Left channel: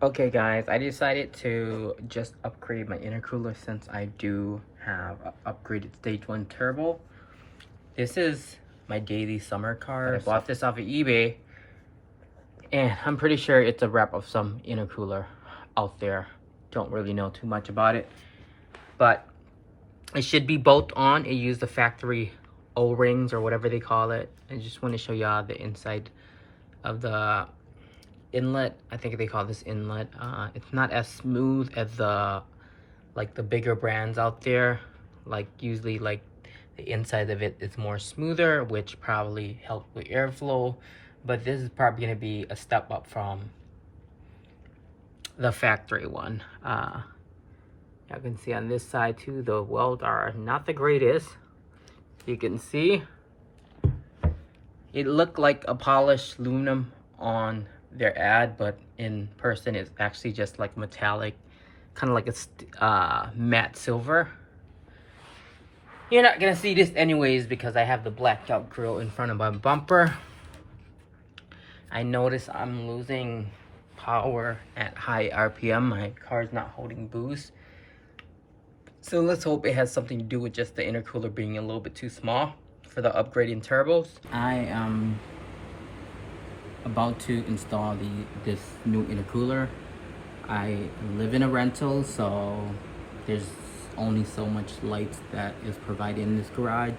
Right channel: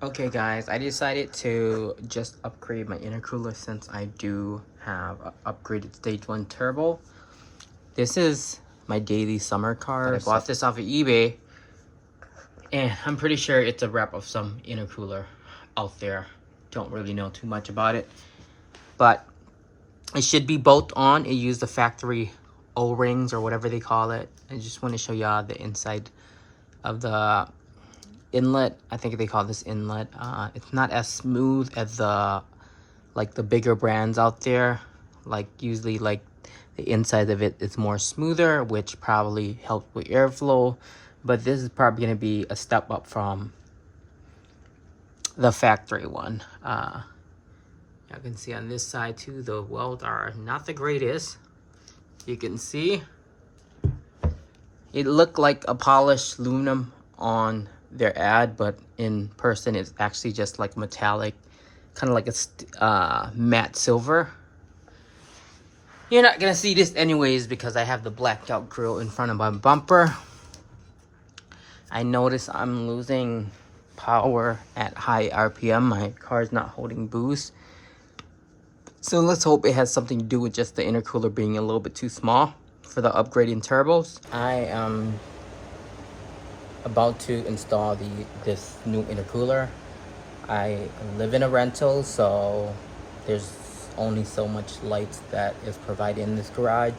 Okay guys, I decided to just upgrade my intercooler since I do have an upgraded stage 1 turbo. This is my daily summer car. I bought this off of eBay and I'm pretty sure it's a rep of some intercooler out there. Don't really know too much about it, but it should be bolt on. It used the factory O-rings or whatever they call it. I just want to show y'all the inside of the inlet. I think they call this inlet. It's not as smooth as the bigger brands out there. Like usually like the inside of it is more smoother, which probably helps with airflow, but this is probably going to be a step up from the factory one. You can see on this side too, the welds are not the greatest. You can see it looked like a polished aluminum on their ad, but in person it's actually just like metallic, kind of like a matte silver. You're not gonna see this anyways because I have the blacked out grill in front of my bumper. I notice I'm losing power at high RPM. My car's not holding boost, so let's hope it has something to do with just the intercooler being a little bit too small for the upgrading turbos. I am about to install this new intercooler. I live in a rental, so there's only so much light that is provided in this garage,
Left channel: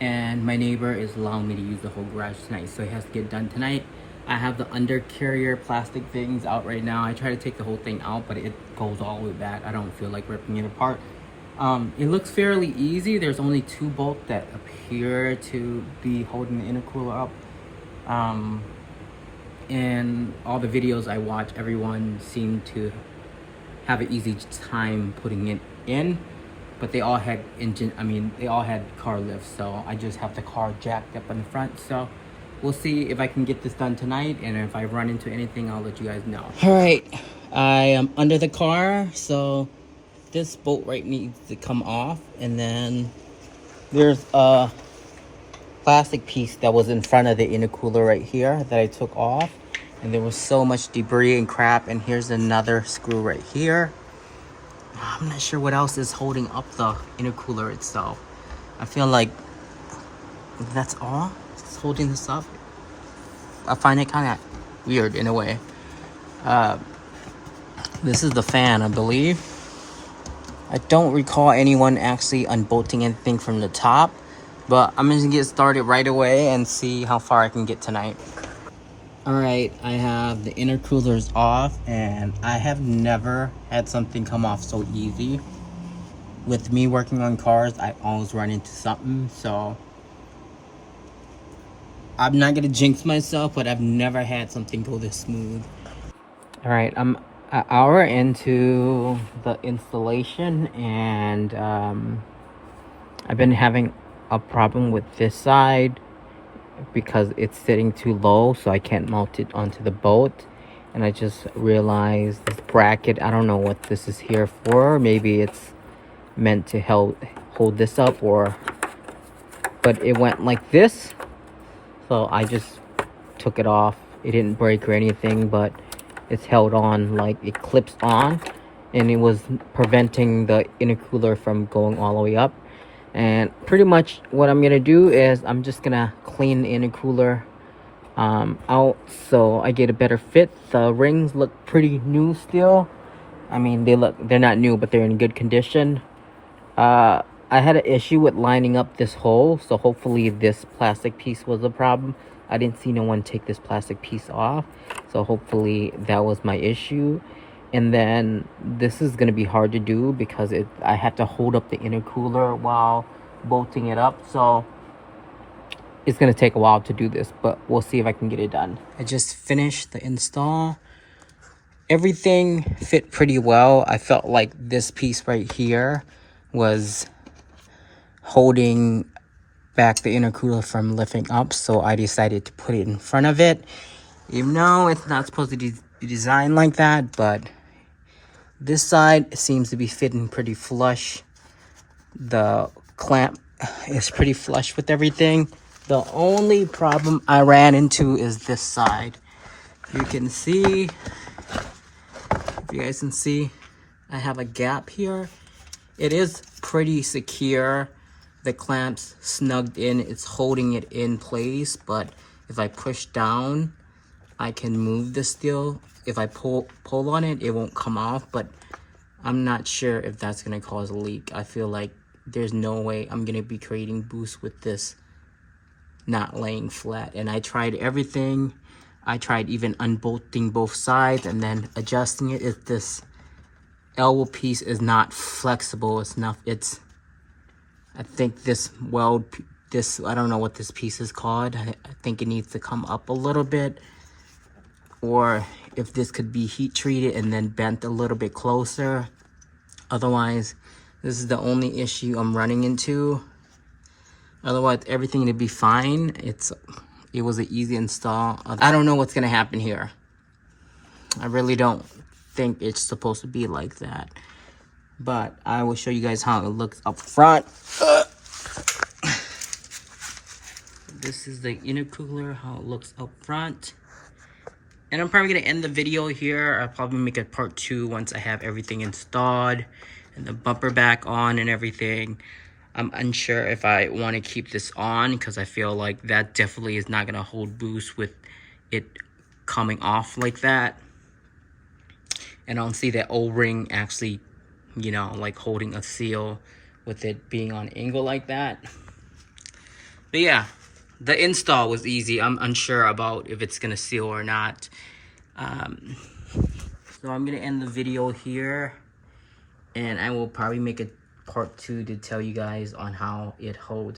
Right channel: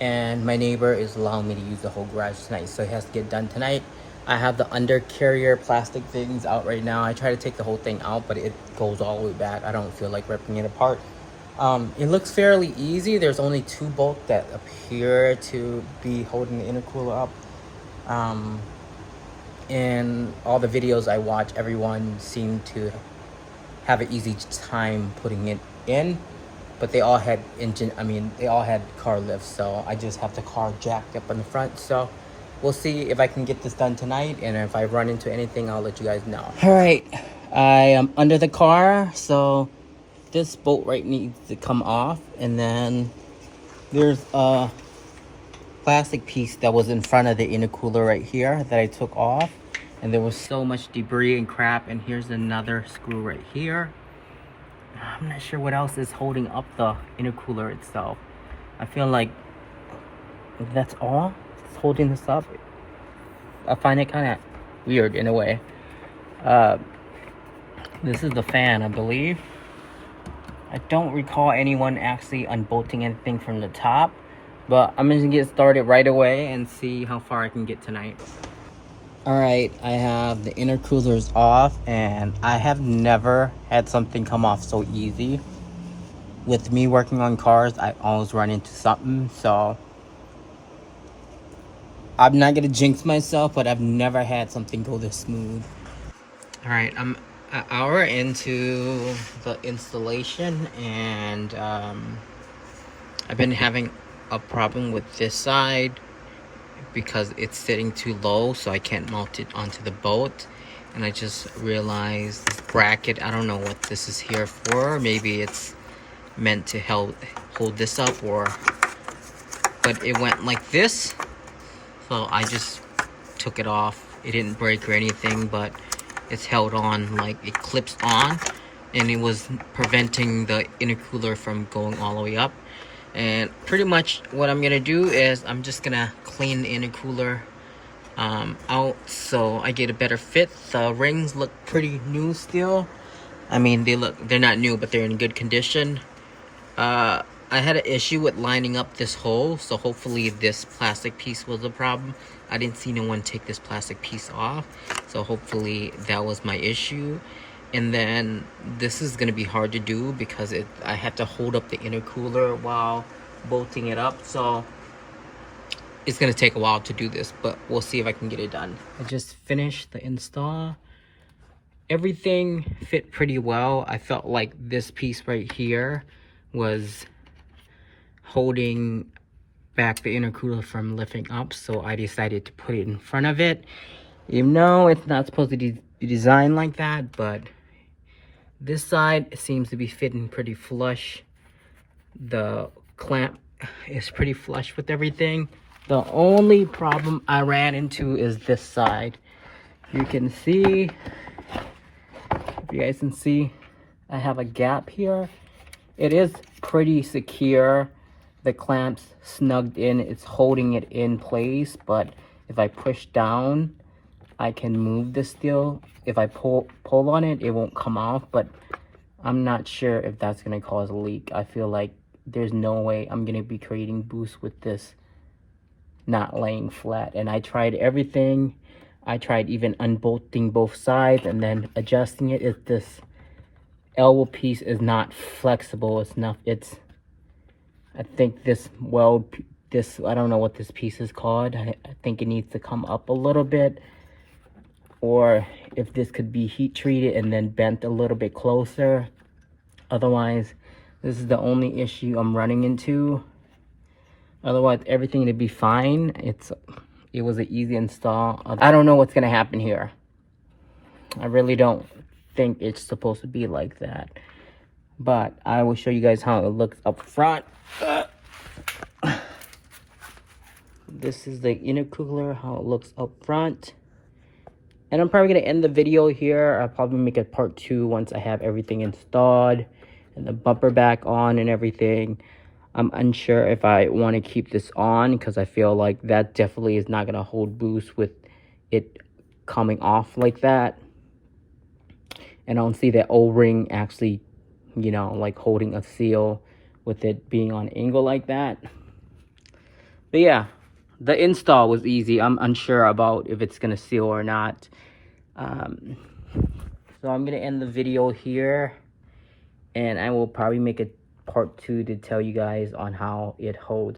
and my neighbor is allowing me to use the whole garage tonight, so it has to get done tonight. I have the undercarrier plastic things out right now. I try to take the whole thing out, but it goes all the way back. I don't feel like ripping it apart. It looks fairly easy. There's only 2 bolts that appear to be holding the intercooler up. In all the videos I watch, everyone seemed to have an easy time putting it in, but they all had they all had car lifts, so I just have the car jacked up in the front. So we'll see if I can get this done tonight, and if I run into anything, I'll let you guys know. All right, I am under the car, so this bolt right needs to come off, and then there's a plastic piece that was in front of the intercooler right here that I took off, and there was so much debris and crap. And here's another screw right here. I'm not sure what else is holding up the intercooler itself. I feel like that's all it's holding this up. I find it kind of weird in a way. This is the fan, I believe. I don't recall anyone actually unbolting anything from the top, but I'm gonna get started right away and see how far I can get tonight. All right, I have the intercoolers off, and I have never had something come off so easy. With me working on cars, I always run into something, so I'm not gonna jinx myself, but I've never had something go this smooth. All right, I'm an hour into the installation, and I've been having a problem with this side because it's sitting too low, so I can't mount it onto the bolt. And I just realized this bracket, I don't know what this is here for. Maybe it's meant to hold this up, but it went like this, so I just took it off. It didn't break or anything, but it's held on, like it clips on, and it was preventing the intercooler from going all the way up. And pretty much what I'm gonna do is I'm just gonna clean the intercooler out so I get a better fit. The rings look pretty new still. I mean, they're not new, but they're in good condition. I had an issue with lining up this hole, so hopefully this plastic piece was a problem. I didn't see no one take this plastic piece off, so hopefully that was my issue. And then this is going to be hard to do because I have to hold up the intercooler while bolting it up, so it's going to take a while to do this, but we'll see if I can get it done. I just finished the install. Everything fit pretty well. I felt like this piece right here was holding back the intercooler from lifting up, so I decided to put it in front of it, even though it's not supposed to be designed like that. But this side seems to be fitting pretty flush. The clamp is pretty flush with everything. The only problem I ran into is this side. You can see If you guys can see, I have a gap here. It is pretty secure. The clamp's snugged in, it's holding it in place, but if I push down, I can move the steel. If I pull on it, it won't come off, but I'm not sure if that's gonna cause a leak. I feel like there's no way I'm gonna be creating boost with this not laying flat. And I tried everything. I tried even unbolting both sides and then adjusting it. If this elbow piece is not flexible enough, I think this weld, I don't know what this piece is called. I think it needs to come up a little bit, or if this could be heat treated and then bent a little bit closer. Otherwise, this is the only issue I'm running into. Otherwise, everything to be fine. It was an easy install. I don't know what's gonna happen here. I really don't think it's supposed to be like that. But I will show you guys how it looks up front. This is the intercooler, how it looks up front. And I'm probably gonna end the video here. I'll probably make a part 2 once I have everything installed and the bumper back on and everything. I'm unsure if I want to keep this on because I feel like that definitely is not gonna hold boost with it coming off like that. And I don't see that O-ring actually, you know, like holding a seal with it being on an angle like that. But yeah, the install was easy. I'm unsure about if it's gonna seal or not. So I'm gonna end the video here, and I will probably make a part 2 to tell you guys on how it holds.